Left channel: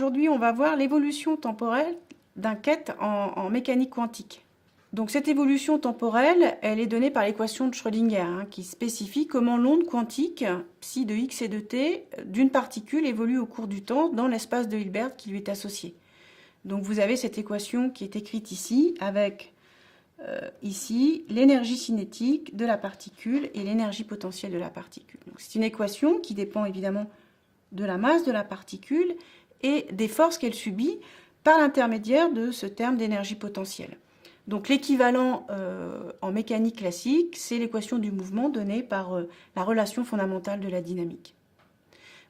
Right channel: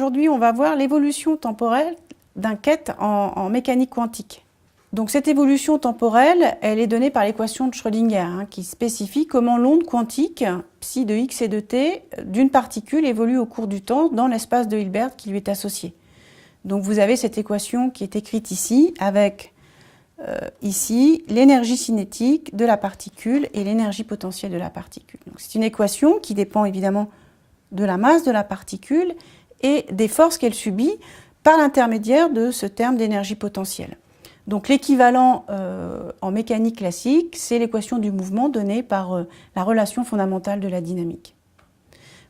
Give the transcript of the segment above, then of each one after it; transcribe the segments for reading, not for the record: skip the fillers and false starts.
Aujourd'hui, on va voir l'évolution temporelle d'un quête en mécanique quantique. Donc cette évolution temporelle, elle est donnée par l'équation de Schrödinger, qui spécifie comment l'onde quantique, psi de x et de t, d'une particule évolue au cours du temps dans l'espace de Hilbert qui lui est associé. Donc vous avez cette équation qui est écrite ici, avec ici l'énergie cinétique de la particule et l'énergie potentielle de la particule. C'est une équation qui dépend évidemment de la masse de la particule et des forces qu'elle subit par l'intermédiaire de ce terme d'énergie potentielle. Donc l'équivalent en mécanique classique, c'est l'équation du mouvement donnée par la relation fondamentale de la dynamique.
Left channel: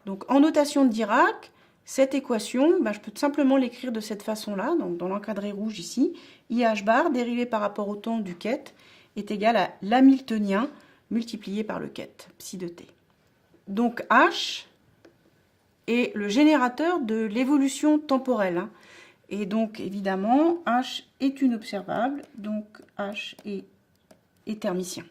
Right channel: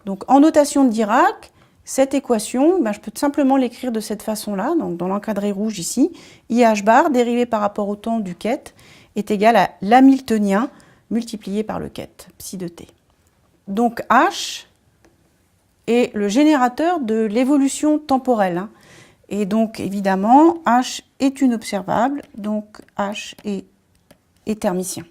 Donc en notation de Dirac, cette équation, je peux simplement l'écrire de cette façon-là, donc dans l'encadré rouge ici, IH bar dérivé par rapport au temps du quête est égal à l'hamiltonien multiplié par le quête, psi de t. Donc H est le générateur de l'évolution temporelle. Et donc, évidemment, H est une observable, donc H est thermicien.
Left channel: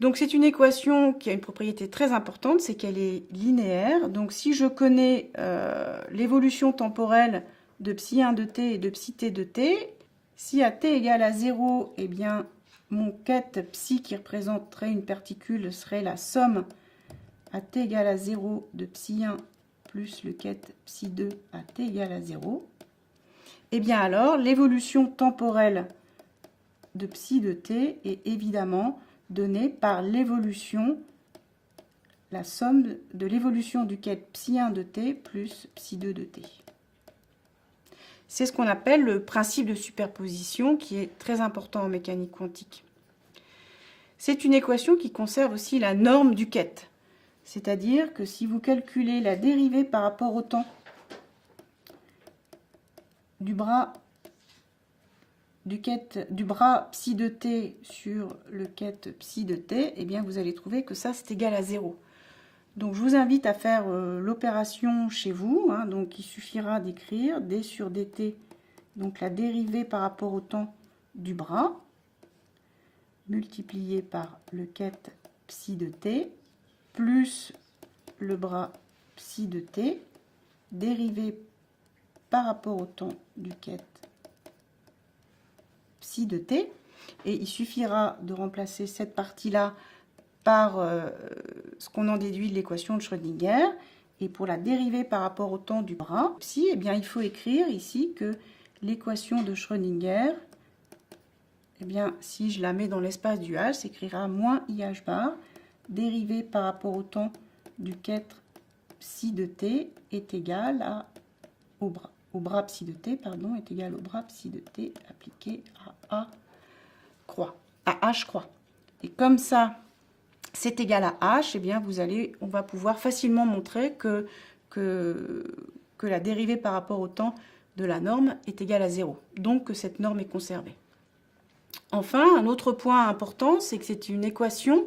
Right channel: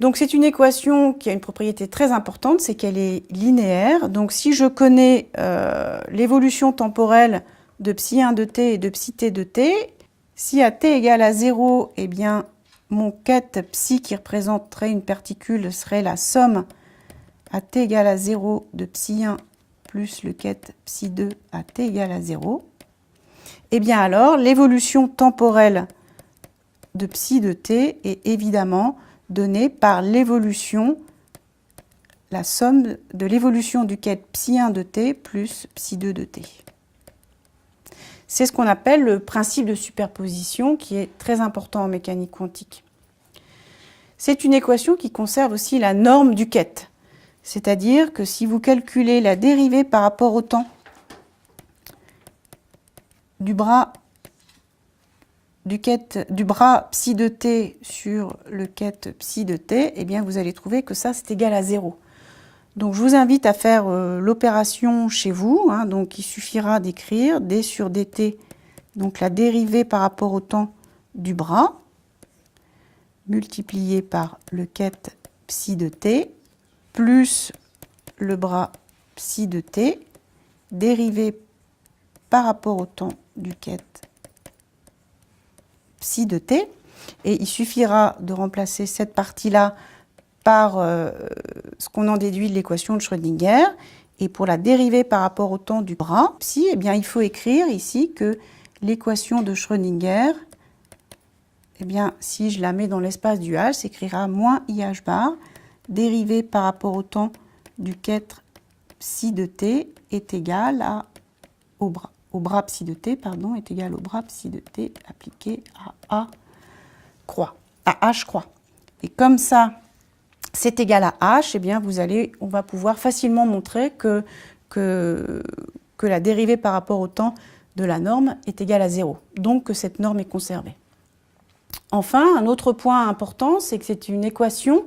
Donc, c'est une équation qui a une propriété très importante, c'est qu'elle est linéaire. Donc, si je connais l'évolution temporelle de psi1 de t et de psi t de t, si à t égale à 0, eh bien, mon quête psi qui représenterait une particule serait la somme à t égale à 0 de psi1 plus le quête psi2 à t égale à 0, et bien alors l'évolution temporelle de psi de t est évidemment donnée par l'évolution, la somme de l'évolution du quête psi1 de t plus psi2 de t. C'est ce qu'on appelle le principe de superposition qui est très important en mécanique quantique. C'est une équation qui conserve aussi la norme du quête. C'est-à-dire que si vous calculez la dérivée par rapport au temps du bras psi de t sur le quête psi de t, eh bien vous allez trouver que ça c'est égal à 0. Donc je vous invite à faire l'opération chez vous. Donc il suffira d'écrire d sur dt, donc la dérivée par rapport au temps du bras, multiplié par le quête psi de t, plus le bras psi de t, dérivé par rapport au temps du quête psi de t. Et il suffira de remplacer cette partie-là par ce qu'on en déduit de l'équation de Schrödinger. Et pour la dérivée par rapport au temps du bras psi, eh bien, il faut écrire ici que l'équation de Schrödinger, eh bien, si je la mets dans l'espace du H, s'écrira moins IH bar, dérivé par rapport au temps du quête psi de t est égal au bras psi de t, pardon, est égal au bras psi de t appliqué à H croix. Et comme ça, c'est égal à H, eh bien on va pouvoir facilement montrer que la dérivée par rapport au temps de la norme est égale à 0, donc que cette norme est conservée. Enfin, un autre point important, c'est que c'est une équation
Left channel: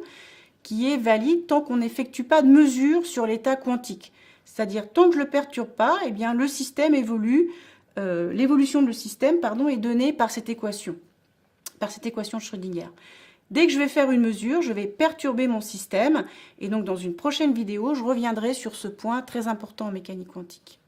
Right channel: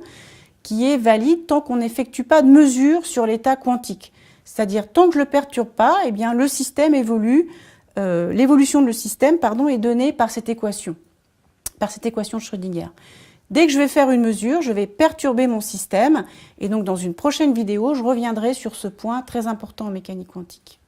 qui est valide tant qu'on n'effectue pas de mesure sur l'état quantique. C'est-à-dire, tant que je ne le perturbe pas, eh bien, le système évolue, l'évolution de le système est donnée par cette équation de Schrödinger. Dès que je vais faire une mesure, je vais perturber mon système, et donc dans une prochaine vidéo, je reviendrai sur ce point très important en mécanique quantique.